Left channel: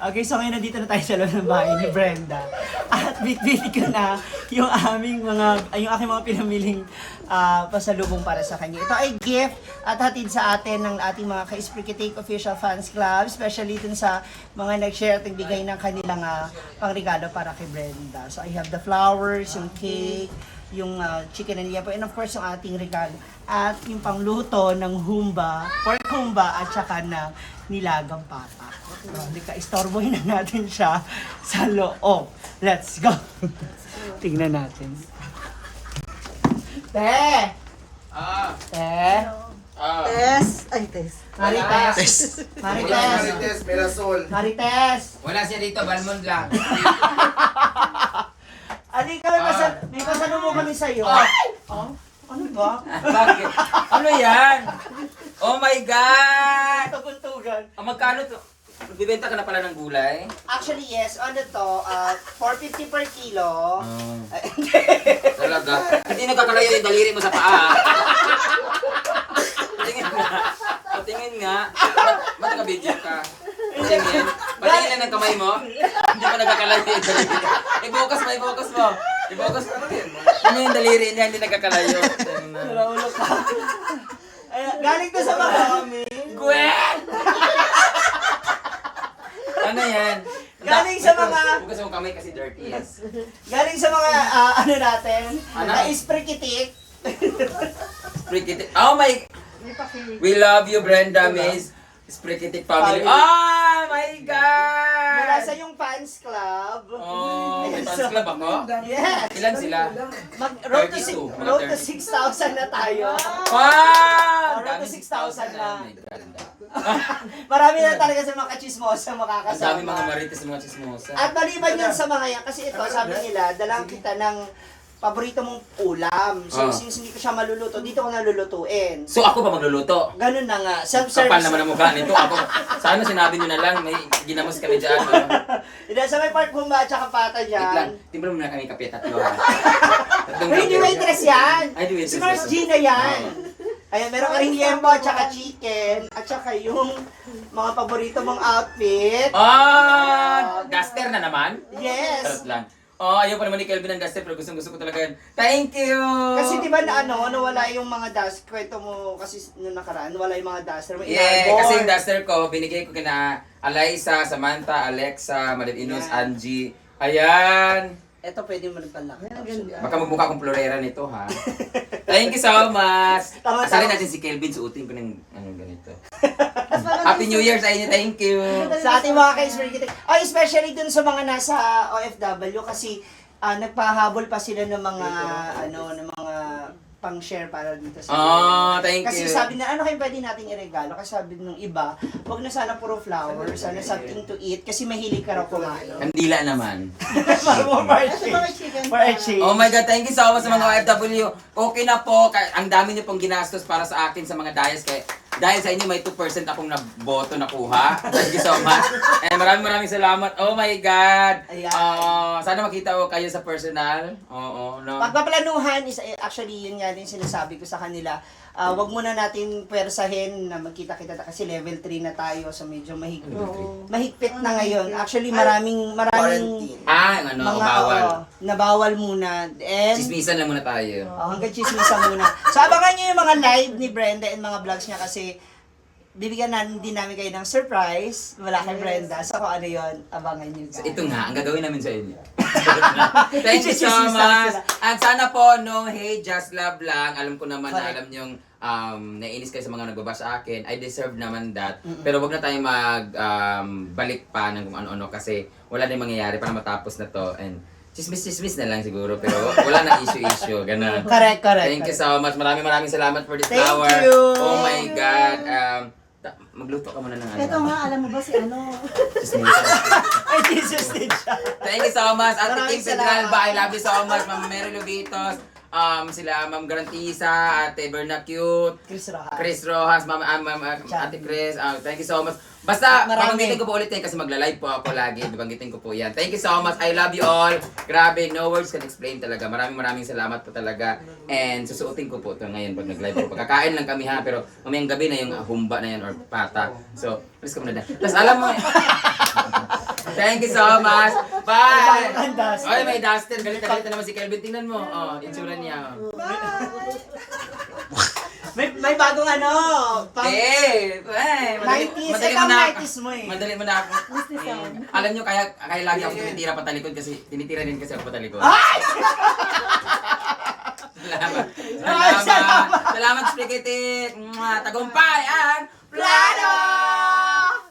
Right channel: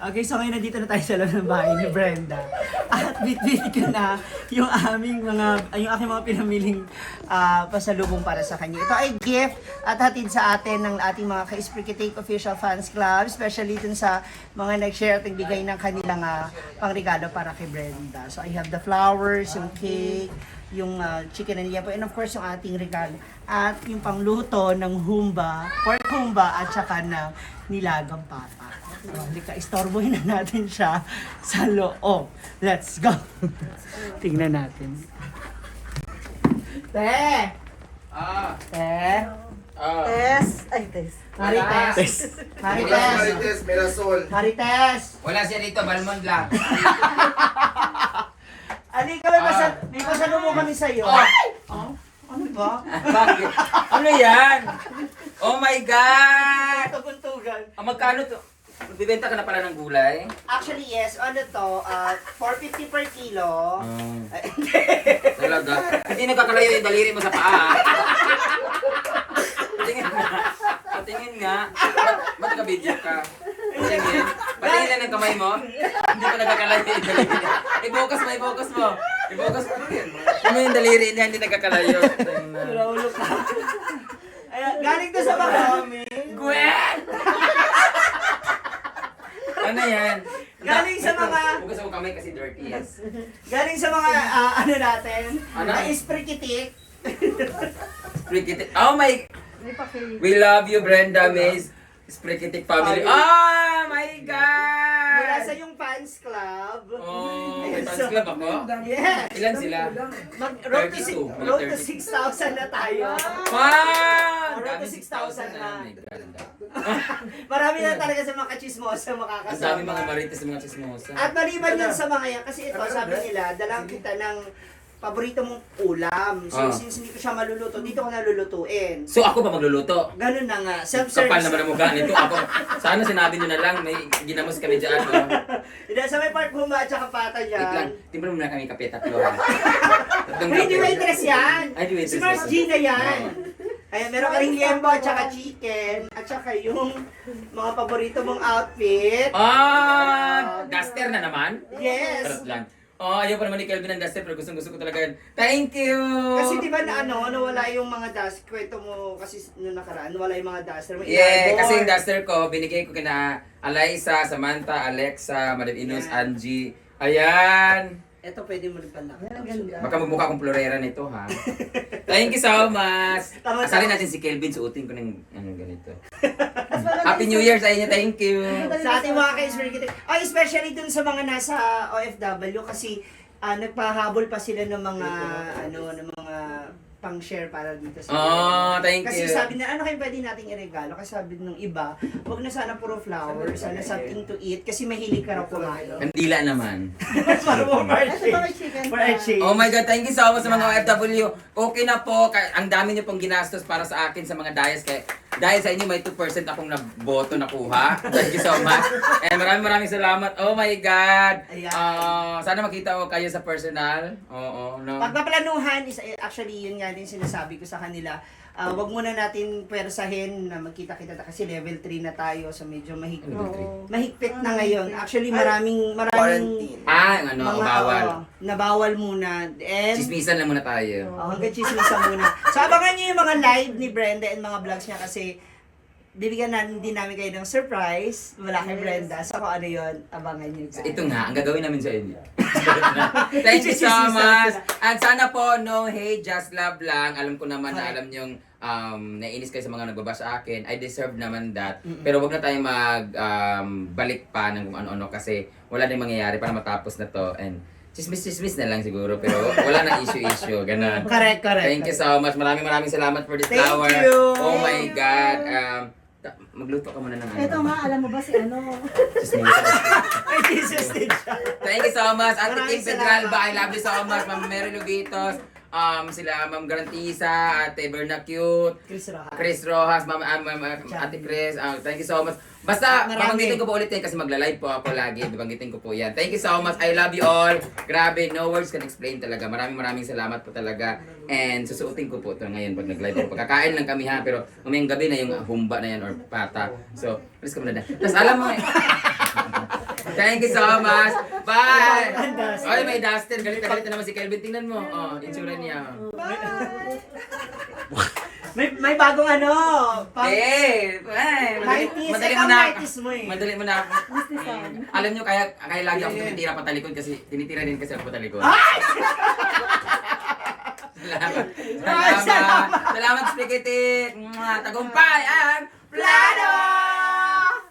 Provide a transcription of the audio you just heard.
Okay, so ngayon nandito na tayo sa loob ng bahay ni Brenda. At bit-bit ko na yung yung aking mga pinamiling pasalubong para sa kanya. Ito ay gift at hatid sa atin ng ating mga ka-Isprikitik Official Fans Club, especially dun sa mga nag-share at nagbigay ng kanilang pangregalo para kay Brenda. So I have the flowers, yung cake, yung chicken and liempo, and of course yung ating regalo. At yung pangluto ng humba, pork humba at saka ng nilagang papa. So, halika, istorbohin na natin siya sa loob. Let's go! Tingnan natin. Te! Te! Tess. Ay, Tess. Marites! Marites! Marites, Mirasol. Marites! Wala siya dito, Balmond lang. Alika lang, may pasalubong kami sa'yo. Oh? Ano ba? Bakit? Ano yan? Oh my God! Tuguntugan. Magkano to? Magbibenta ka na pala ng gulay? Actually, yes. Ano to? 450 per kilo. Ay, Talaga? Hindi nagkakalayo yung daliri mo sa paa. Patingin nga. Patingin nga. Ba't naka-video ka? Patingin. Patingin lang ng kamay mo. Hindi pa nagkakalayo yung daliri niya. Ibukas mo, ibukas mo. Ibukas mo. Ano yung daliri niya, hindi nagkakalayo. Ulo ka. Ay, galing to sa marami. Gwen! Ano yan? Galing sa mga- Bukas mo kamay kasi dirty. Yes. Galing sa mga, ano natin, Ano? na isprikitik. Sprikitik. Oh my... We love you, Brenda Mays. Sprikitik family. Oh my God! Mula sa yung fans club. Oh, may fans club ako? Yes. Ilan sila? Road to 32, mga road to 30. 6,000 na tayo. Wow! Road Dami to 6,000 na. Oh my God. Marami na talaga sa mga kachismosa Ang makakasama. dami mga marites, mga chismosa. At maliban yun sa mga yan, kasi ito, sabi nila, dalang kita ng paborito mong ulam. So, Ah. since hindi ko siya maluluto, dito ko nalulutuin. So ako pa magluluto? Ganun na nga, Kapal self-service. naman ang mukha nito. Ako, sana sinabi nyo na lang, may ginamos kami dyan. Oh. Hindi, sa may part humba at saka pata Wait lang, dyan. timbra mo na kami kape tatlo ha. Tatlong Hindi kape. waitress yan. Ay, di waitress Si Mars ba? Gina yan. Oo. Ay, meron ka rin liempo at saka chicken at saka yung mga paborito mong outfit. Duster na naman? Yes. Charot lang. Oh, ayaw pa naman ni Kelvin ng duster pero gusto ko talaga yan. Thank you! Kasi di ba na nawala yung mga dust, kwento mo kasi nung nakaraan, nawala yung mga duster mo. Yeah, inarbor. kasi yung duster ko, binigay ko kina Alaysa, Samantha, Alexa, Madam Inus, Yeah. Angie. Ayan! Ito pwede mo rin pala. Baka magmukha akong florera nito ha. Thank you so much! Tama, Asalin tama. natin si Kelvin, suotin ko ng ganito. Happy New Year sa inyo, thank you! Sa ating mga ka-Isprikitik. Ay, especially dun sa mga nasa OFW kasi nagpahabol pa sila ng mga ng mga pang-share para dito sa Oh, thank Kasi you. sabi na, ano kayo pwede nating iregalo? Kasi sabi nung iba, wag na sana puro flowers, sana something to eat kasi mahilig ka raw kumain. Kandila naman. Para mo for a change. Oh my God, thank you so much sa mga OFW. Okay na po, ang dami niyo pong ginastos para sa akin sa mga dayas. Dahil sa inyo may 2% akong boto nakuha. Thank you so much. And maraming salamat. Oh my God. Ayan. Sana makita ko kayo sa personal. Oo, no. Pagpaplanuhan is actually yun nga din sinasabi ko sa kanila. Wag muna natin pwersahin na magkita-kita kasi level 3 na tayo so medyo mahigpit. Mahigpit na ngayon. Actually maraming Quarantine. Ano, bawal. Nabawal muna. And Chismisan lang muna tayo. hanggang chismisan muna. So abangan niyo yung mga live ni Brenda and mga vlogs niya kasi bibigyan din namin kayo ng surprise. Wala kay Brenda. So kung ano yun, abangan niyo. So, ito nga, ang gagawin namin sa inyo. Thank you so much. And sana po, no, hey, just love lang. Alam ko naman na alam niyong naiinis kayo sa mga nagbaba sa akin. I deserve naman that. Pero wag na tayong balik pa ng kung ano-ano kasi wala na mangyayari para matapos na to. And chismis na lang siguro pero wala na issue. Ganun. Correct. Thank you so much. Maraming salamat for this Thank flower. you. Oh my God. Magluto ka muna ng ano. Ito nga, alam mo ba si ano? Chismis. Ay, Jesus din siya. Thank you so much. Ate Maraming Kim Pedral ba? I salamat. love you so much. Ma'am Mary Luditos. Sila Ma'am Garantisa, Ate Berna Cute, Chris Rojas. Chris Rojas, Ate Chris. Thank you so much. Basta, Marami. babanggitin ko po ulit yan kasi magla-live po ako lagi. Babanggitin ko po yan. Thank you so much. I love you all. Grabe, no words can explain talaga. Maraming salamat po talaga. And susuotin ko po ito ngayon pag nag-live ako. Pagkakain lang kami ha, pero mamayang gabi na yung humba na yan or pata. So, please come na dyan. Tapos alam mo, thank you so much. Bye! Ang Dustin. Ay, may Dustin. Galit na naman si Kelvin. Tingnan mo. Oh, itsura niya. May bagong ano. Eh, madali 90s. madali Ikaw mo na. 90s mo eh. Madali mo na ako. Alam nyo, kaya lagi ako tumitira patalikod kasi tinitira din kasi ako patalikod. Salamat. Salamat. Salamat, Spaghetti. Tagumpay ang plano!